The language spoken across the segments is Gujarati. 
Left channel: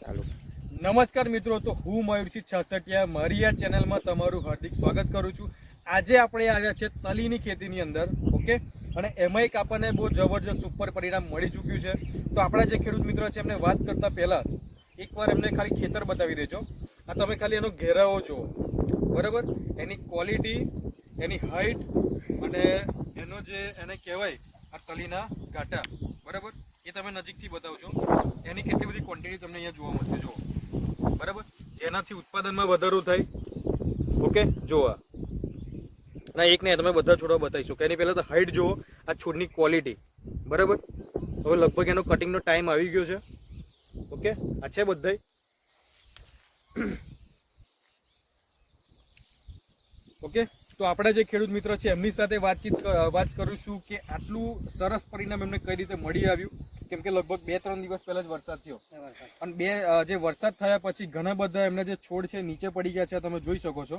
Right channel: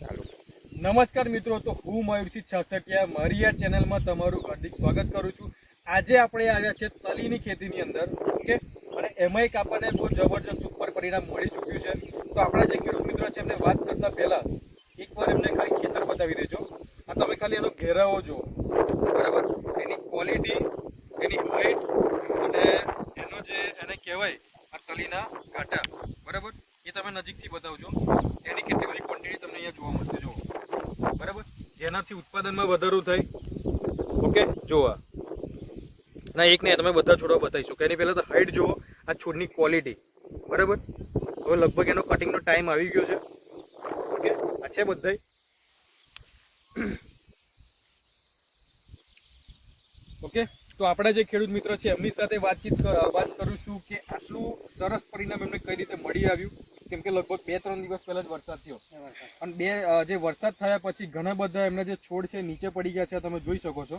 ચાલુ નમસ્કાર મિત્રો, તો હું મયુરસિંહ છસટિયા મારી આ ચેનલમાં તમારું હાર્દિક સ્વાગત કરું છું. આજે આપણે આવ્યા છે તલીની ખેતીની અંદર, ઓકે? અને એમાં એક આપણને બહુ જબરજસ્ત સુપર પરિણામ મળી ચૂક્યું છે. તો આપણા જે ખેડૂત મિત્રો છે, એમને વાત કરતા પહેલાં એકવાર એમને ખાલી ખેતર બતાવી દેજો. આ તમે ખાલી એનો ઘેરાવો જુઓ. બરાબર? એની ક્વોલિટી એની હાઈટ અને એનો જે એને કહેવાય આ તલીના ઘાટા. બરાબર? એ તમે નજીકથી બતાવજો. એની કેટલી બધી અહીંયા જોવા મળશે, જુઓ. બરાબર? જેનાથી ઉત્પાદનમાં વધારો થાય. ઓકે જોવા ના, એક નહીં તમે બધા છોડવા બતાવીશું. કે એની પહેલાં તો હાઈટ જુઓ, આ છોડની ક્વોલિટી બરાબર? હવે લગભગ એનો કટિંગનો ટાઈમ આવી ગયો છે. ઓકે? આ છે બધા ઓકે? તો આપણા જે ખેડૂત મિત્ર છે, એમની સાથે વાતચીત વાત કરીશું કે આટલું સરસ પરિણામ એમને કઈ રીતે મળી આવ્યું. કેમ કે લગભગ બે ત્રણ દિવસ પહેલા જ વરસાદ થયો. અને બે જે વરસાદ થયા પછી ઘણા બધા એમના જે છોડ છે નીચે પડી ગયા છે તમે જોઈ શકો છો.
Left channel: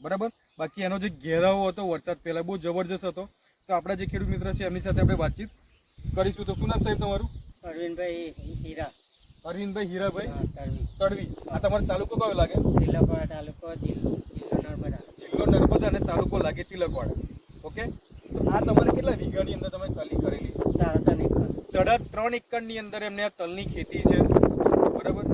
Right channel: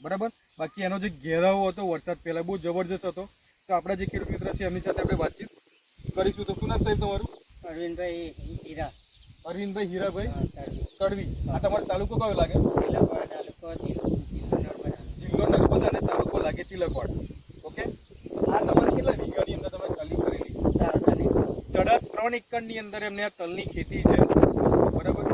બરાબર? બાકી એનો જે ઘેરાવો હતો વરસાદ પહેલા બહુ જબરજસ્ત હતો. તો આપણા જે ખેડૂત મિત્ર છે એમની સાથે આપણે વાતચીત કરીશું. તો શું નામ સાહેબ તમારું? અરવિંદભાઈ હીરા. અરવિંદભાઈ હીરાભાઈ? તળવી. તડવી આ તમારો તાલુકો કયો લાગે? તિલકવાડા તાલુકો જિલ્લો નર્મદા. જિલ્લો નર્મદા અને તાલુકો લાગે તિલકવાડા. ઓકે? આ તમારે કેટલા વીઘાની અંદર તમે કલી કરેલી? નહીં સાડા ત્રણ એકરની અંદર એમને આ તલની ખેતી છે. બરાબર?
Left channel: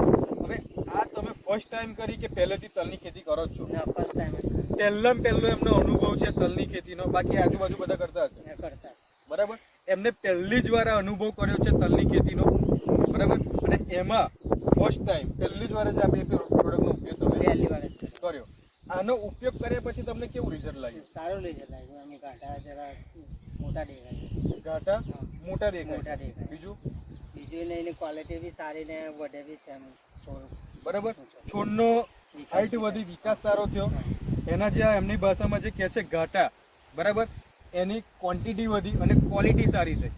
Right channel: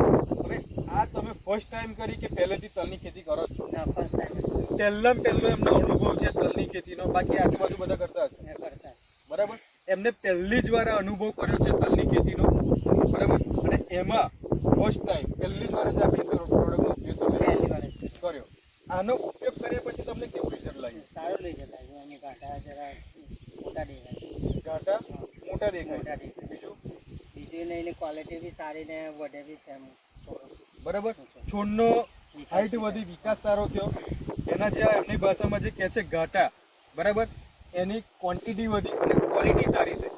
હવે આ તમે ફર્સ્ટ ટાઈમ કરી કે પહેલેથી તલની ખેતી કરો છો? ના ફર્સ્ટ ટાઈમ પહેલાં પહેલો એમનો અનુભવ છે તલની ખેતીનો બાકી આજુબાજુ બધા કરતા હશે? કરતા બરાબર? એમને પહેલી જ વાર અનુભવ કર્યો છે તલની ખેતીનો. બરાબર? અને એમાં ફર્સ્ટ ટાઈમ પહેલી જ વાર જ આપણે પ્રોડક્ટનો ઉપયોગ પહેલી વાર આનો ઉપયોગ કર્યા પછી તમને કેવું રિઝલ્ટ લાગ્યું? સારું રિઝલ્ટ લાગ્યું. અમે ગાંઠા જરા મોટા દેખાય ઘાટા મોટા દેખાય મોટા દેખાય. બીજું? બીજું ને એની ક્વોલિટી બી સારી ને વધે બી છે બરાબર? છોડનો હાઈટ વધી વિકાસ સારો થયો. એના જે એમની ભાષામાં જે કહે છે ઘાટા બરાબર? એની ક્વોન્ટિટી વધી અને ક્વોલિટી સારી થઈ.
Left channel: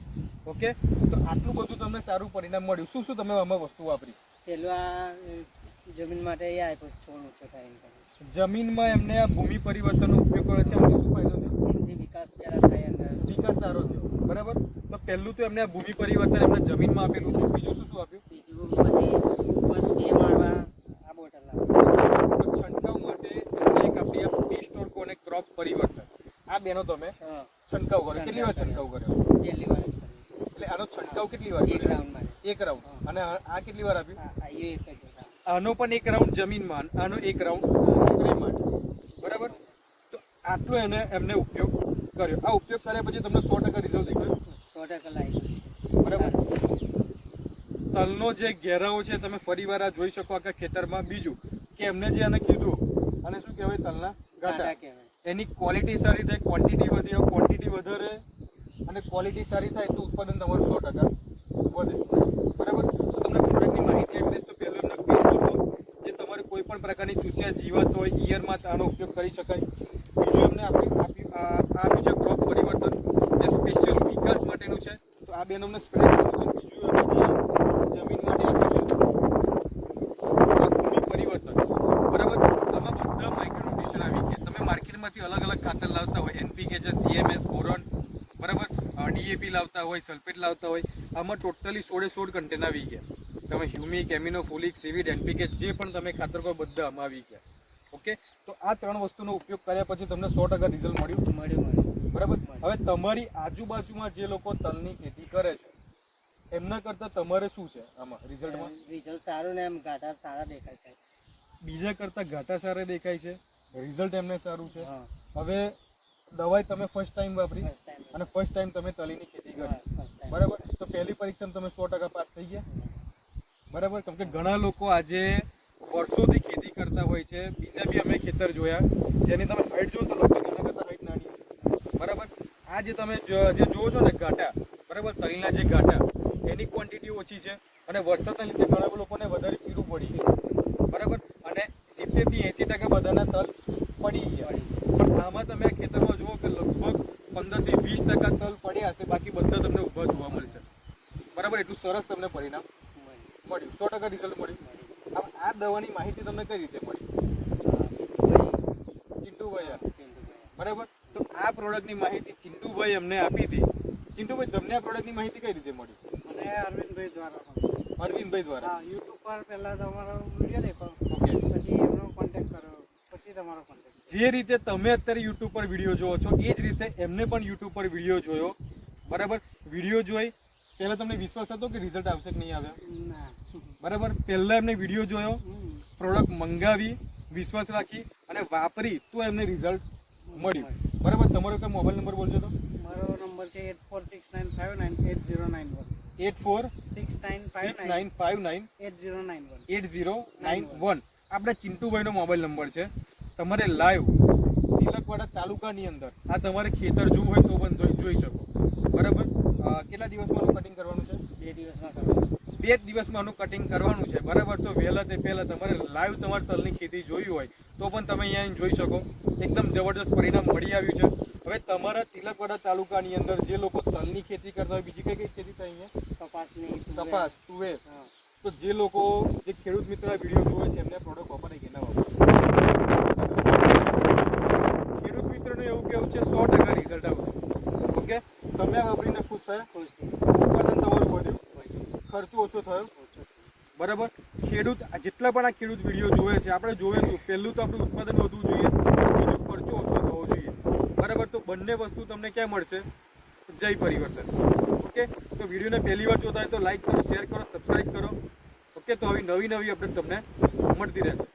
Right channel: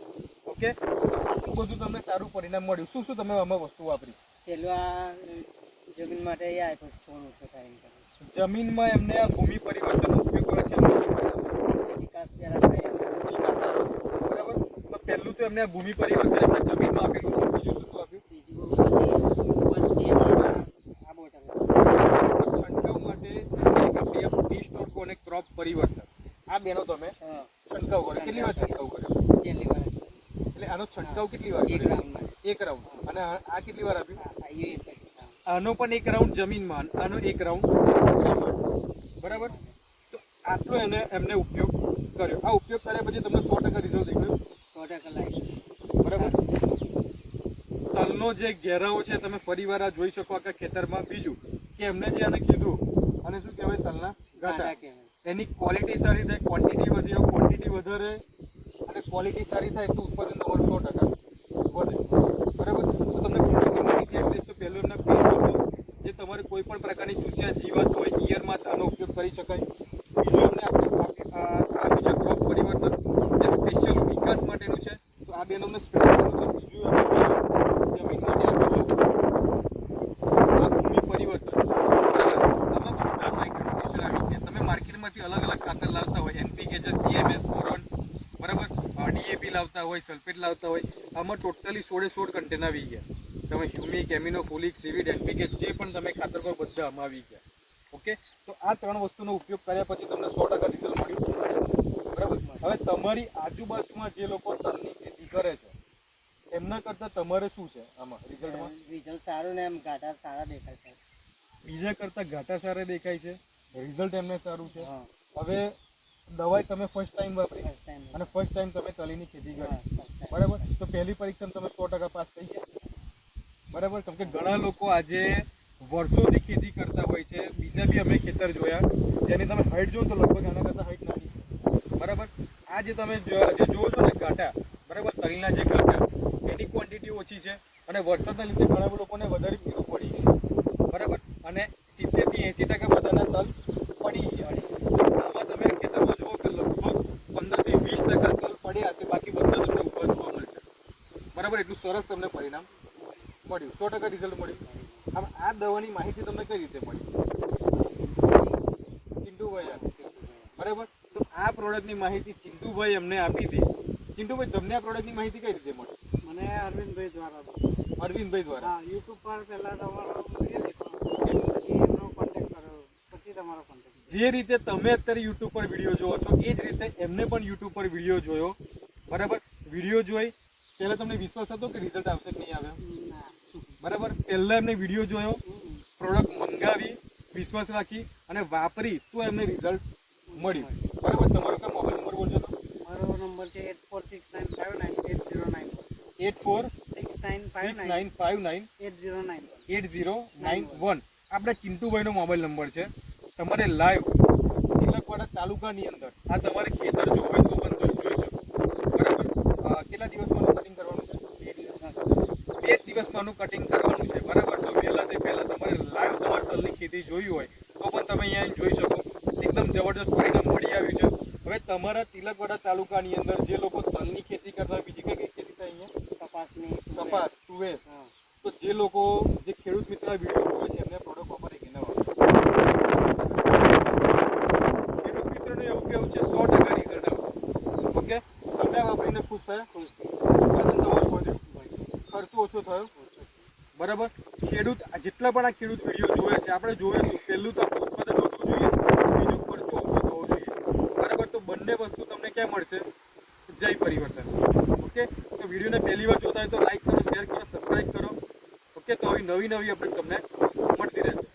ઓકે? તો આટલું બધું તમને સારું પરિણામ મળ્યું. શું શું તમે આમાં વસ્તુ વાપરી? પેલું આ જમીન માટે એ આપ્યું છોડ ઓછો થાય એમ. જમીનમાં એમને આ ભૂમિ પરિવર્તનનો ઉપયોગ કર્યો છે વિકાસ સારો બરાબર? તો પહેલું તો એમને આ ભૂમિ પરિવર્તન એમને જમીનમાં આપેલું છે. બીજું શું શું આપ્યું. છંટકાવ માટે એક આપણી ક્રોપ પરિવર્તન. આ બેનો તમે? છંટકાવ કર્યો. કેટલી વાર છંટકાવ કર્યો? પહેલી વાર એટલે આનો છંટકાવ કેટલી વાર એક કર્યો? રાઉન્ડ માટે. એક રાઉન્ડ. અને આ કેટલી વાર આપ્યું. આનો પણ એક રાઉન્ડ જમીનમાં આનો એક રાઉન્ડ બરાબર? તો આટલો એને એમને ઉપયોગ કર્યો. આ ઉપયોગ કર્યા પછી તમને સો ટકા રિઝલ્ટ દેખાયું. સો ટકા લાગી બરાબર? તલનો જે ઘેરાવો છે તમે ફરીવાર આ જોઈ શકો આખા ખેતરમાં. બીજું કે એમને જે આને કીધું અને શું કહેવાય? તલના ગાંઠા. કહેવાય. એની ક્વોલિટી સારી થાય ક્વોન્ટિટી વધી. ક્વોન્ટિટી વધારે અને ક્વોલિટી સારી થાય તો ઉત્પાદન તમારું સો ટકા વધે. બરાબર તો તમને પ્રોડક્ટની માહિતી આપી દઈશ તો પહેલું એમના પેલું જે તમારે કોઈ પણ પ્રકારની ચૂસ્યા જીવાત આનો ઉપયોગ કરી શકાય. બીજું આપ્યું- આ બીજા ક્રોપ પરિવર્તન, જે સ્પેશિયલ વિકાસ માટેનું છે, તો આ બેનો અમને કર્યું છે. બીજું જમીન માટે આપ્યું છે ભૂમિ પરિવર્તન. બરાબર? આમાં બધા માઇક્રોન્યુટ્રિશન આવી ગયા. તમે માર્કેટમાંથી અલગ અલગ ખાતર લાવતા હોય, એનપીકે છે, સીએમએસ, બોરોન, બરાબર? ડીએપી લાવતા હોય, સલ્ફેટ લાવતા હોય, આમાં ટોટલી સોળે સોળ કન્ટેન આવી ગયા. તમે humic amino folic seaweed, NPK, જે પણ તમે ખાતર પર બધા આમાં આવી ગયા. ઓકે? તો આ ત્રણ વસ્તુનો ઉપયોગ કર્યા પછી તમને સો ટકા રિઝલ્ટ મળ્યું? બરાબર? હવે તમારી આજુબાજુમાં જે લોકો તલની ખેતી કરે છે એમના કરતાં તમારે શું છે આમાં રિઝલ્ટમાં? રિઝલ્ટ સારું ને એમ ઘાટા સારા દેખાય છે. બીજા કરતાં ઘાટા સારા દેખાય છે રિઝલ્ટ એમને સારું છે. હવે દવાઈ તમે ફર્સ્ટ ટાઈમ વાપરી? અને ફર્સ્ટ ટાઈમ તમે તલીની ખેતી કરી? બરાબર? તો પહેલી પરીક્ષામાં તમે સો ટકા પાસ થઈ ગયા? બરાબર? કેમ કે ઘણા લોકો આજે વર્ષોથી ખેતી કરતા હોય છે. બીજા બી અમે ખેતર જોયા. જેની તમે હાઈટ જો તો લગભગ આના કરતાં હાઈટ નાની. બરાબર? આ જે તમે જો- જુઓ છો ને ઘાટા બરાબર? તલના જે ઘાટા એની ક્વોન્ટિટી ઓછી છે અને વરસાદના લીધે ઘણા લોકોને વધારે પીવું પડી છે. બરાબર? અને સિત્તેરથી એંસી ટકા બધાના તલ પડી ગયા આમાં તમે ખેતરમાં જુઓ કે લગભગ પંદરથી વીસ ટકા તલ પડ્યા હશે બાકી બધા તમને ઉપર જોવા મળશે. બરાબર? એટલું સરસ તમને પરિણામ મળ્યું. સો ટકા રિઝલ્ટ મળ્યું. હવે આ દવાની માહિતી તમને કઈ રીતે મળી? ચિંટુભાઈ આપી. બરાબર? તો આ પ્રોડક્ટની માહિતી ચિંટુભાઈ અમને આપી હતી ચિંટુભાઈ તમને આ પ્રોડક્ટની માહિતી કઈ રીતે મળી? મને અરવિંદભાઈ દ્વારા. અરવિંદભાઈ દ્વારા? યુટ્યુબ પર પહેલા તમારો વીડિયો દેખો પછી એમનો કોન્ટેક્ટ કર્યો પછી તમારો કોન્ટેક્ટ જે રીતે તમે અત્યારે યુટ્યુબ પર વીડિયો જોવો છો એ જ રીતે એમને પણ યુટ્યુબ પર વીડિયો જોયો. બરાબર? વીડિયો જોઈ. પહેલાં તમને વિશ્વાસ હતો કે રિઝલ્ટ આવશે કે નહીં આવ્યો? ના બરાબર? પહેલાં એમને વીડિયો જોયો પ્રોડક્ટ મંગાવી વિશ્વાસ રાખી અને વાપરી તો એમને રિઝલ્ટ મળ્યું. બરાબર? તમારો કઈ મોબાઈલ નંબર બોલજો તો? મારો નંબર છે eight four six nine five nine eight zero nine one eight four six nine six nine five nine eight zero nine one eight zero nine one આપણે ચિંટુભાઈનો મોબાઈલ નંબર છે. તમારે લાઈવ તિલકવાડા તાલુકાની અંદર આ તમારે ખેતર જોવું હોય તો પણ જોઈ શકો. બરાબર? કેટલા દિવસમાં કટિંગ કરવાનું છે બે દિવસમાં ખબર બે જ દિવસમાં આનું કટિંગ કરવાનું છે. બરાબર? તો વહેલા તે પહેલાં તમારે લાઈવ તમારે તલની ખેતી જોઈ હોય. તો પણ તમે અહીંયા આવીને જોઈ શકો. એકદમ જબરદસ્ત પરિણામ મળી આવ્યું છે. હવે તમારા તિલકવાડા તાલુકાની અંદર જે લોકો તલની ખેતી કરતા હોય બીજી કઈ કઈ ખેતી થાય અહીંયા? કપાસની તપાસ કપાસ તુવેર. હા. તો જે લોકો જે ખેડૂત મિત્ર વીડિયો જોવે છે એમને પ્રોડક્ટ વાપરે કે ના ખેડૂત મિત્રનું એવું કેવું છે સો ટકા રિઝલ્ટ આવશે. ઓકે? તમે વાપરીને ખુશ થયા? ખુશ થઈ ખર્ચો ઓછો થયો? બરાબર? ખેડૂત જેટલા પણ આ ખેડૂત વીડિયો જોવે છે, આપણે જોઈશું પહેલું તો આપણું ઉત્પાદન વધવું જોઈએ, બીજું ખર્ચો ઓછો થવો જોઈએ. બરાબર? તો બંને વસ્તુ તમને ક્યાં મળશે? જય પરિવર્તન. ઓકે? તો વિડીયોને પહેલી વાર જોતા હોય તો લાઈક કરો, શેર કરો સબસ્ક્રાઈબ કરો. ઓકે? તો હવે નવી નવી અપડેટ તમને મળતી રહેશે.